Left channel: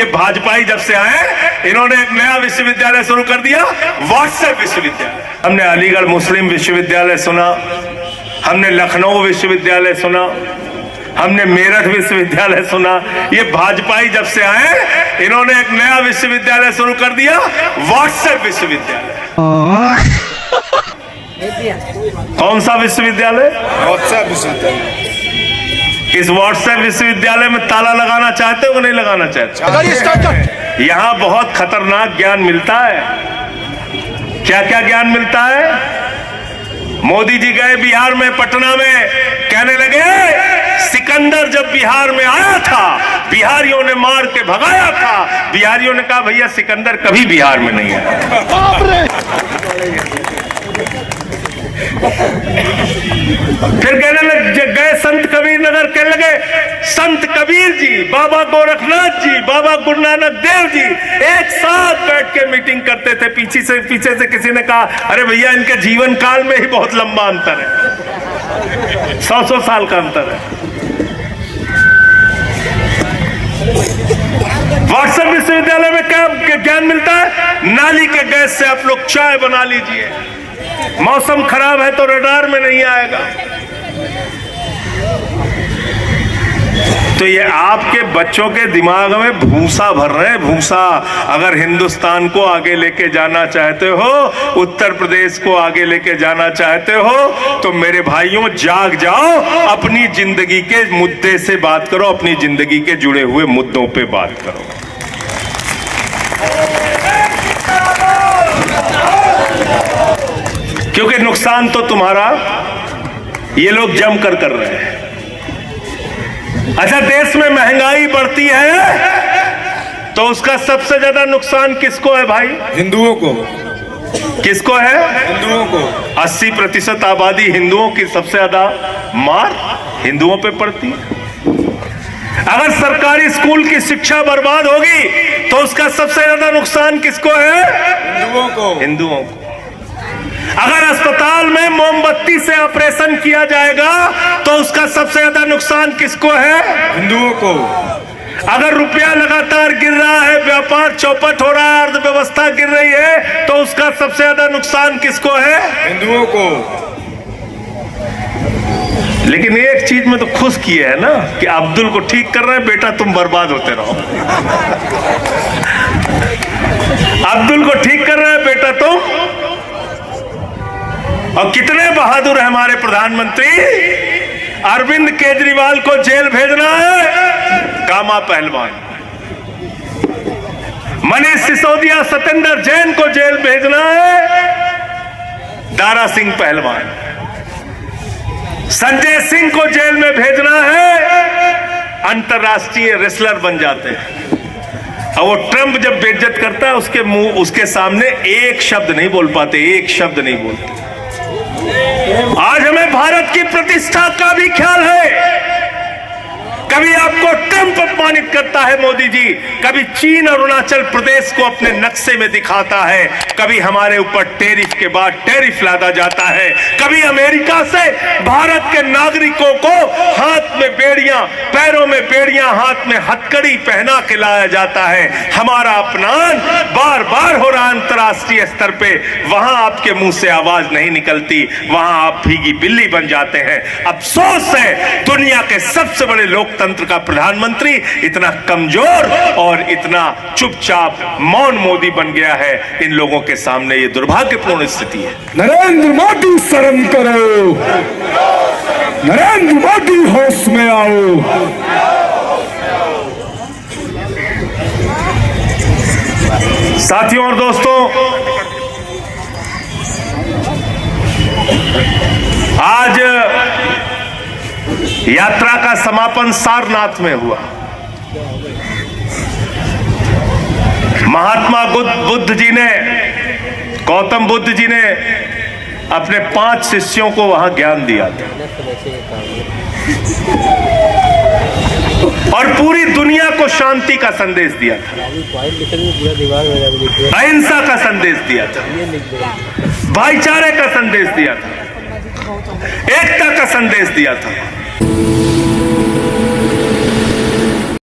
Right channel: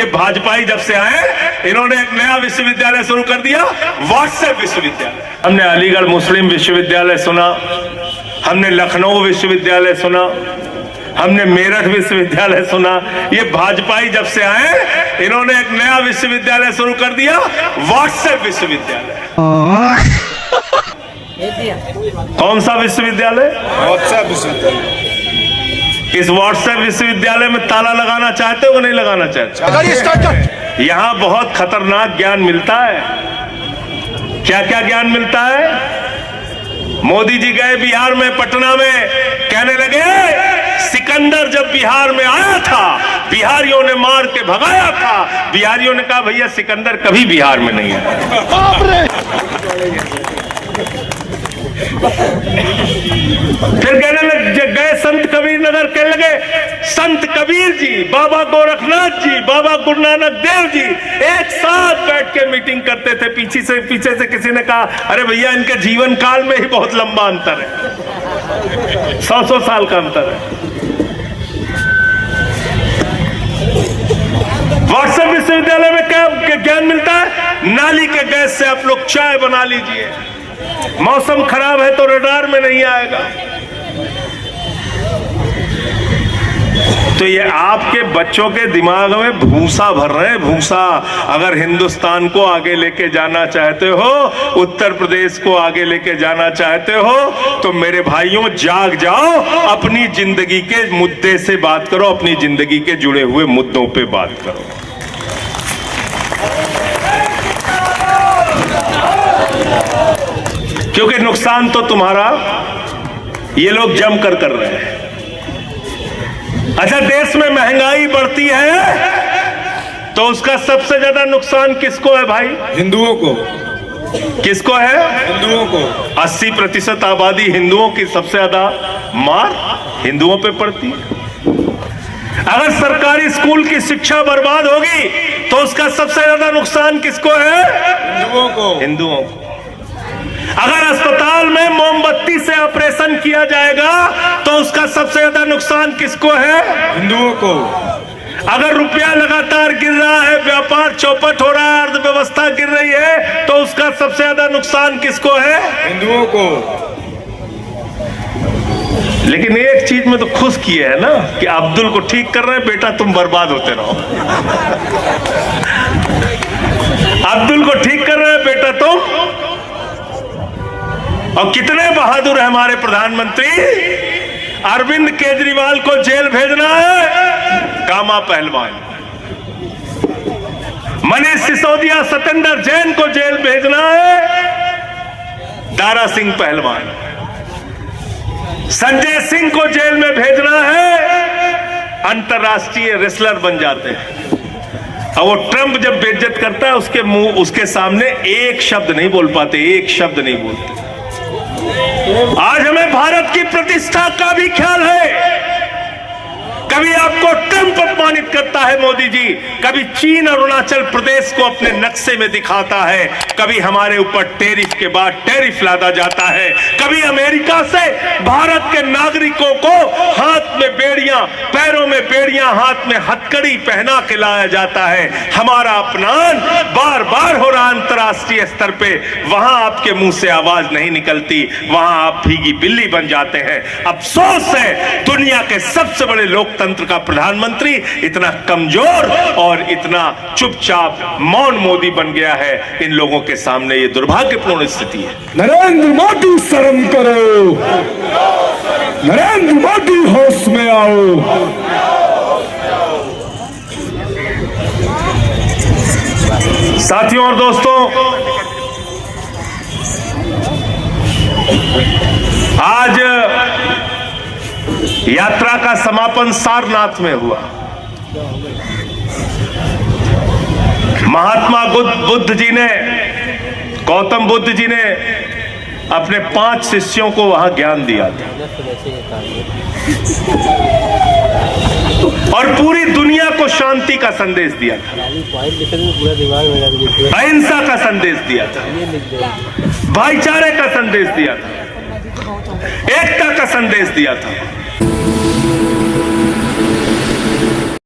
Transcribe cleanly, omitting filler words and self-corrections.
ये भाजपाई जब से आए इन्होंने एक नया विश्वविद्यालय शुरू कर दिया, व्हाट्सएप विश्वविद्यालय। हमने अलीगढ़ मुस्लिम विश्वविद्यालय सुना, हमने लखनऊ विश्वविद्यालय सुना, हमने मेरठ विश्वविद्यालय सुना। ये भाजपाई जब से आए इन्होंने एक नया विश्वविद्यालय शुरू कर दिया, व्हाट्सएप विश्वविद्यालय। कौन सा विश्वविद्यालय? व्हाट्सएप विश्वविद्यालय। इस व्हाट्सएप विश्वविद्यालय में ताला लगाना चाहते हो कि नहीं लगाना चाहते? यहाँ बहुत खतरनाक ज्ञान मिलता है। क्या क्या ज्ञान मिलता है? मोदी जी गए बिहार में, पटना में, कहने लगे सिकंदर जब बिहार में आया था बिहारियों ने मार के भगाया था। बिहारियों ने कहा भैया सिकंदर कभी बिहार में नहीं आया। फिर कहने लगे, गए संत कबीर नगर, कहने लगे संत कबीर जी, बाबा गोरखनाथ जी, बाबा गुरु नानक देव जी एक साथ बैठ के मीटिंग करते थे। पीछे से किसी ने कहा अरे भैया इनके जीवन काल में ही बहुत लंबा अंतर है, 100 साल का अंतर है। व्हाट्सएप विश्वविद्यालय में क्या ज्ञान मिलता है? नाली के गैस से आप लोग चाय बना लीजिए, मौसम खराब है तो रडार में नहीं आएगा। तो ये आपके बच्चों के दिमाग में भूसा भर रहे हैं, भूसा। अगर हिंदुस्तान को आगे लेके जाना चाहते हो, उत्तर प्रदेश को आगे लेके जाना चाहते हो, तो मेरे भाइयों जाग जाओ, अपनी जिंदगी के मुद्दे से बात करो, अपनी जिंदगी के जुड़े हुए मुद्दों पे बात करो। क्योंकि नुकसान तो तुम्हारा ये लोग जम कर रहे हैं। अच्छा, देश में महंगाई बढ़ती है तो उसका सबसे ज्यादा नुकसान किसको है भाई? हिंदुओं को। किसको है? हिंदुओं को। 80% आबादी हिंदुओं की, सबसे ज्यादा मार हिंदुओं पे पड़ती है। अगर सरकारी स्कूल की शिक्षा बर्बाद होगी तो उसका सबसे ज्यादा नुकसान किसको है? हिंदुओं को। हिंदुओं को। अगर अस्पताल में मोमबत्ती से ऑपरेशन किया जाएगा तो उसका सबसे ज्यादा नुकसान किसको है? हिंदुओं को। अगर रुपया लगातार गिर रहा है, व्यापार चौपट हो रहा है, अर्थव्यवस्था गिर रही है, तो उसका सबसे ज्यादा नुकसान किसको है? हिंदुओं को। लेकिन एक चीज में तो खुश किए है ना कि अब्दुल को ठीक कर रहे हैं, बेटा तुम बर्बाद होते रहो। अब्दुल को ठीक कर रहे हैं, बेटा तुम। और कितने बहादुर है हमारे प्रधानमंत्री। अरविंद केजरीवाल को जेल भेजना है, कामा पहलवान। मनीष सिसोदिया, सत्येंद्र जैन को जेल भेजना है, दारा सिंह पहलवान। संजय सिंह को जेल में भेजना है, अंतरराष्ट्रीय रेसलर बन जाते हैं। और वो ट्रंप जब बेइज्जत करता है उसके मुंह, उसके सामने एक शब्द नहीं बोल पाते, एक शब्द नहीं बोलते। आज हमें भारत की प्रतिष्ठा का भी ख्याल है। कभी आपको ट्रंप अपमानित करता है मोदी जी, कभी चीन और अरुणाचल प्रदेश को अपने नक्शे में दिखाता है, कभी हमारे ऊपर टैरिफ के बाद टैरिफ लादा जाता है, कभी अमेरिका से भारत के नागरिकों को हाथ में बेड़ियां, पैरों में बेड़ियां, हाथ में हथकड़ी पहना के लाया जाता है। हमारा अपमान बार बार हो रहा अंतर्राष्ट्रीय स्तर पे, वहां आपके मुंह से आवाज नहीं निकलती, वहां आप भीगी बिल्ली बन जाते हैं। अफसोस है दुनिया के सबसे बड़े लोकतंत्र का प्रधानमंत्री इतना कमजोर और इतना चुपचाप मौन मोदी बन गया है। इन लोगों के सामने ये दुर्भाग्यपूर्ण स्थिति है। नरेंद्र मोदी शर्म करो, नरेंद्र मोदी होश में आओ। साथियों और दोस्तों, आज यात्रा का समापन सारनाथ में हुआ। महात्मा बुद्ध जी ने, गौतम बुद्ध जी ने अपने 5 शिष्यों को वहां ज्ञान दिया था और पूरी दुनिया को शांति का संदेश दिया था, अहिंसा का संदेश दिया था, भाईचारे का संदेश दिया था, एकता का संदेश दिया था।